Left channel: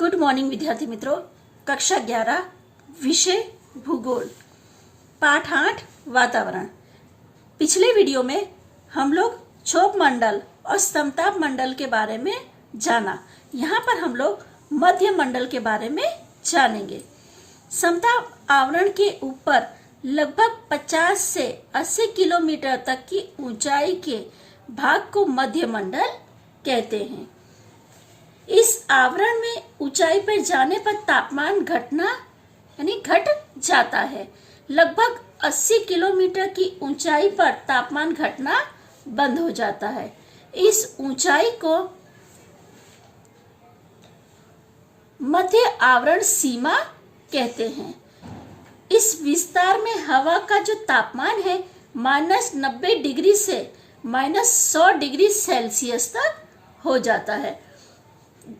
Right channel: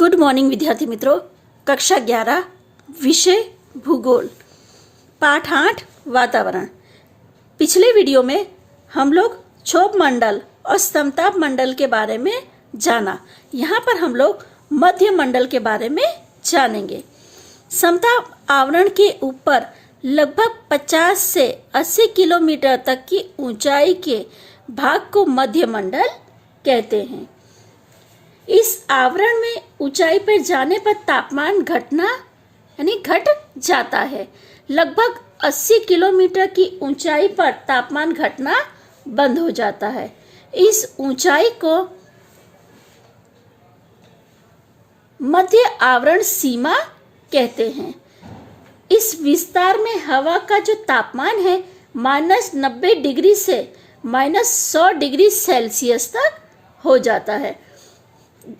Good morning विद्यार्थी मित्रों। कक्षा 11 विषय भूगोल पाठ 8 वातावरण। पिछले वीडियो में हम लोग क्षोभ मंडल और समताप मंडल के बारे में जाना। यहाँ पर हम लोग मध्य मंडल के बारे में जानेंगे। समताप आवरण के ऊपर लगभग 50 से 80 किलोमीटर तक की ऊंचाई के भाग को मध्य मंडल कहते हैं। इस आवरण में ऊंचाई पर जाने पर तापमान घटना यानी घट जाता है। लगभग 80 किलोमीटर की ऊंचाई पर तापमान घटना बंद हो जाता है। इस ऊंचाई को मध्य आवरण सीमा कहते हैं। इस विस्तार में हवा का जो तापमान है -90 डिग्री से -100 डिग्री सेल्सियस तक हो जाता है।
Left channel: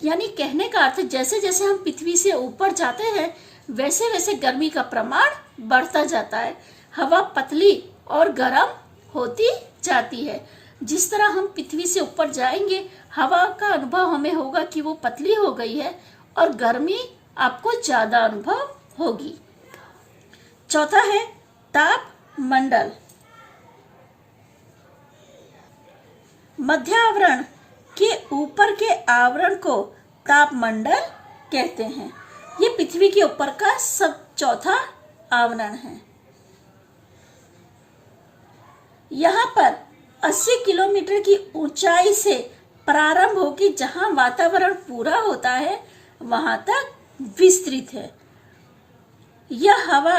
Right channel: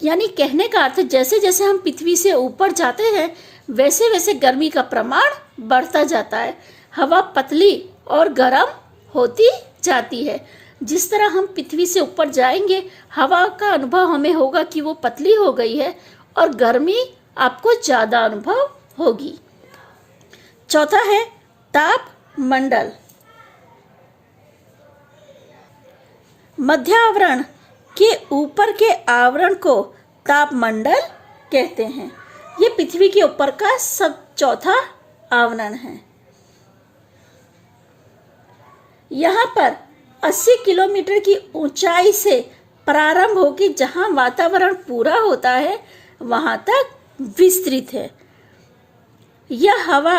यानी कहने का अर्थ जैसे जैसे हम पृथ्वी से ऊपर जाते हैं वैसे वैसे गर्मी का प्रमाण बढ़ता जाता है। हवा पतली और गर्म होती जाती है। जिस तरह हम पृथ्वी से ऊपर जाएंगे हवा का अनुभव हमें होगा कि वो पतली हो गई है और गर्मी आपको ज्यादा अनुभव होगी। चौथा है ताप मंडल। मध्य आवरण के ऊपर के आवरण को तापमंडल कहते हैं। ये पृथ्वी के ऊपर का चौथा आवरण है। यहाँ पर 80 किलोमीटर की ऊंचाई से प्रारंभ होकर जहां वातावरण पूरा होता है वहां तक विस्तृत है। यह हवा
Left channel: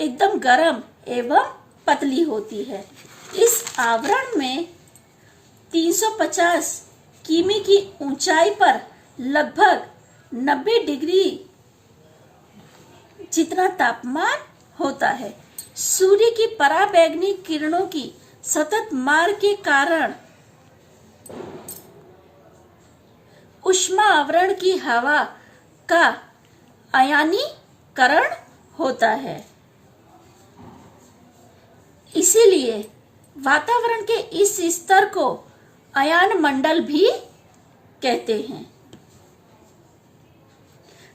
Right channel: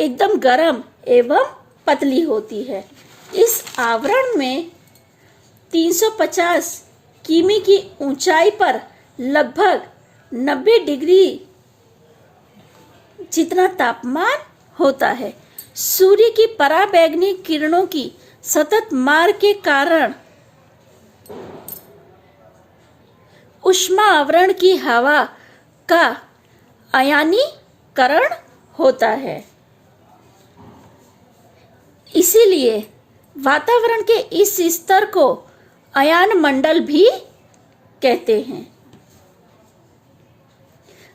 एकदम गर्म एवं पतली होती है। इस आवरण में 350 किमी की ऊंचाई पर लगभग 90 डिग्री जितना तापमान होता है। सूर्य की पराबैंगनी किरणों की सतत मार के कारण ऊष्मा आवरण की हवा का आयनीकरण होता है। इसीलिए वातावरण के इस स्तर को आयन मंडल भी कहते हैं।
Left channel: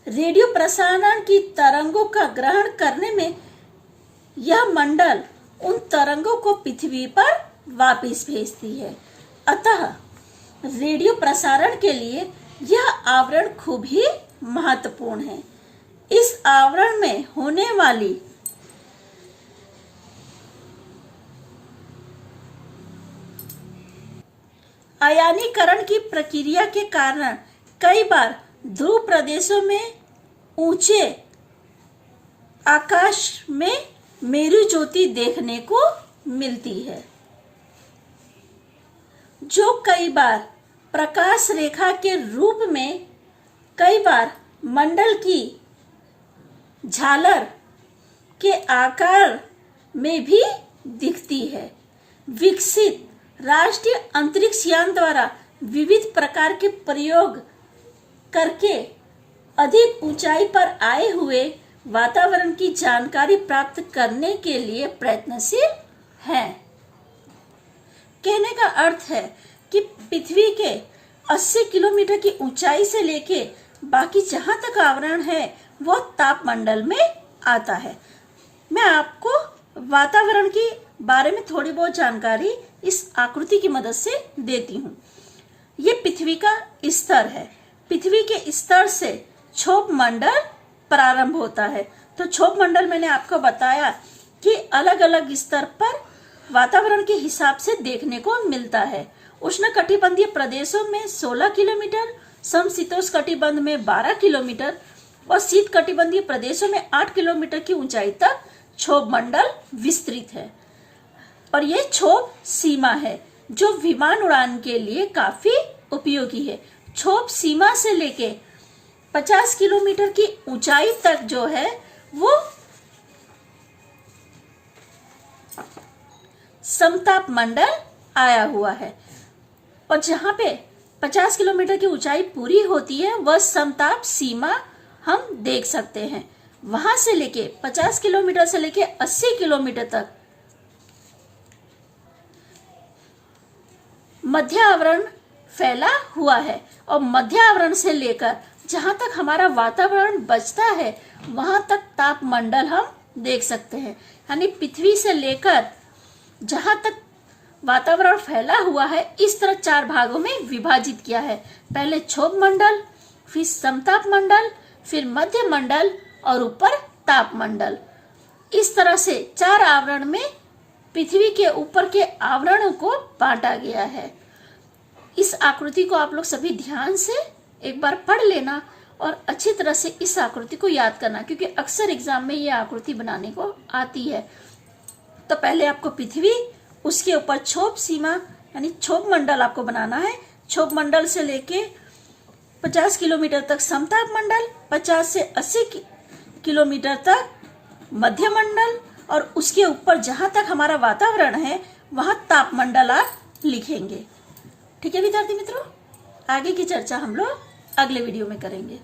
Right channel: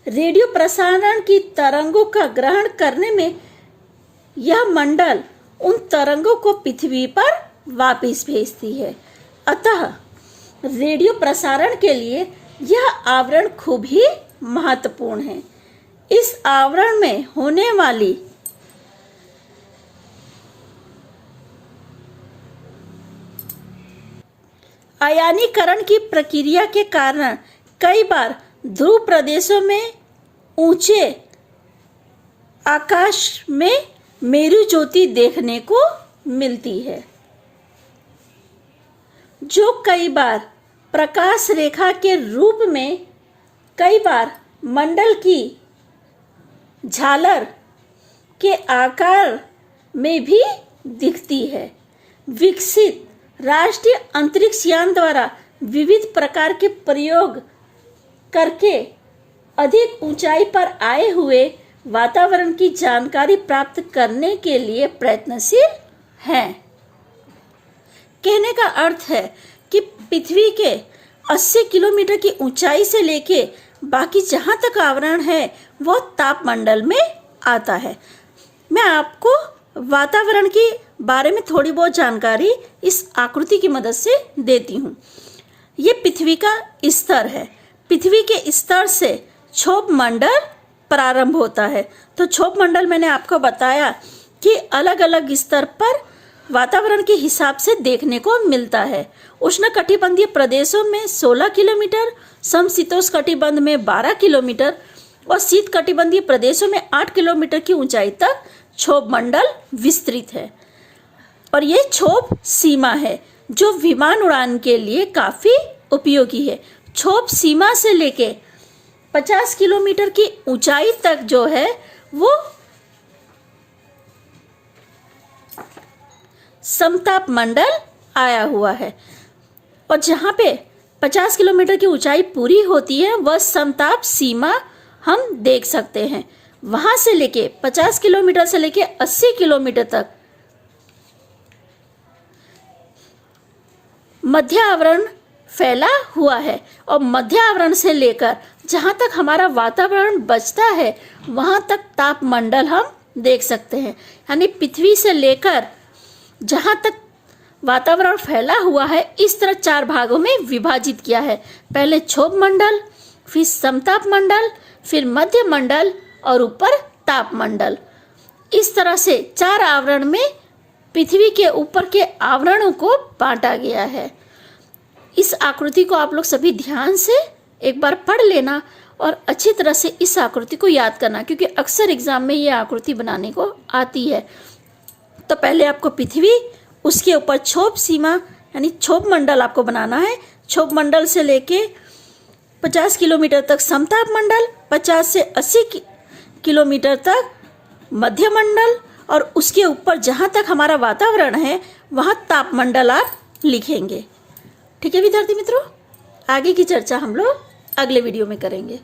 रेडियो प्रसारण की तरंगों का ग्रहण करने में यह मंडल उन तरंगों को पृथ्वी पर वापस भेजती है। अतः रेडियो प्रसारण के लिए यह आवरण खूब ही महत्वपूर्ण है। इस आवरण में होने वाली आयनीकरण की प्रक्रिया के कारण कई बार ध्रुव प्रदेशों में ऊंचे आकाश में मेरु ज्योति देखने को मिलती है, जो कई बार प्रकाश रेखा के रूप में कई बार मंडल की झालर के आकार में भी दिखती है। विकसित राष्ट्रीय अंतरिक्ष यान द्वारा विविध प्रकार के प्रयोग करके अधिक ऊंचाई पर आए हुए वातावरण की जानकारी प्राप्त करने के लिए प्रयत्नशील हैं। कहने का अर्थ है कि पृथ्वी के 80 किलोमीटर की ऊंचाई से लेके बाकी जहां तक आवरण है वो तापमंडल में आता है। मैं आपको वातावरण के बारे में थोड़ी बहुत जानकारी इस आकृति की मदद से देती हूँ। ये पृथ्वी का स्तर है। पृथ्वी के स्तर से क्षोभ मंडल प्रारंभ होता है। तो क्षोभ मंडल मैंने आपको बताया कि अलग अलग स्तर पर वातावरण के हिसाब से देखने को मिलता है। उष्णकटिबंधीय प्रदेशों में 16 किलोमीटर, समशीतोष्ण में 12 किलोमीटर और शीत कटिबंधीय प्रदेशों में 8 किलोमीटर की ऊंचाई तक क्षोभ मंडल विस्तृत है। और ये क्षोभ सीमा है जो विमान उड़ान के लिए काफी उपयोगी है। क्षोभ सीमा से लेके 50 किलोमीटर की ऊंचाई तक जो है वो समताप मंडल आया हुआ है। और जहां पे 50 किलोमीटर की ऊंचाई पूरी होती है वह समताप सीमा हम देख सकते हैं। वहां से लेके 50 किलोमीटर से लेके 80 किलोमीटर तक मध्य आवरण फैला हुआ है और मध्य आवरण से लेकर जहाँ तक हमारा वातावरण बचता है वहाँ तक तापमंडल हम देख सकते हैं। यानी पृथ्वी से लेकर जहाँ तक वातावरण फैला हुआ है इस तरह 4 भागों में विभाजित किया है। पहले क्षोभ मंडल, फिर समताप मंडल, फिर मध्य मंडल और ऊपर तापमंडल। इस तरह से 4 आवरण में पृथ्वी के ऊपर के आवरणों को बांटा गया है। इस आकृति को आप लोग सभी ध्यान से एक बार पढ़ लेना और अच्छी तरह से इस आकृति को याद करना, क्योंकि अक्सर एग्जाम में ये आकृति बनाने को आती है। तो पहले आपको पृथ्वी, उसके ऊपर क्षोभ सीमा यानी क्षोभ मंडल आपको बनाना है। क्षोभ मंडल से लेके 50 किलोमीटर तक समताप मंडल, 50 से 80 किलोमीटर तक मध्य मंडल और उसके ऊपर जहाँ तक हमारा वातावरण है वहाँ तापमंडल आप लिखेंगे। ठीक है विद्यार्थी मित्रों, आगे की चर्चा हम लोग अगले वीडियो में करेंगे।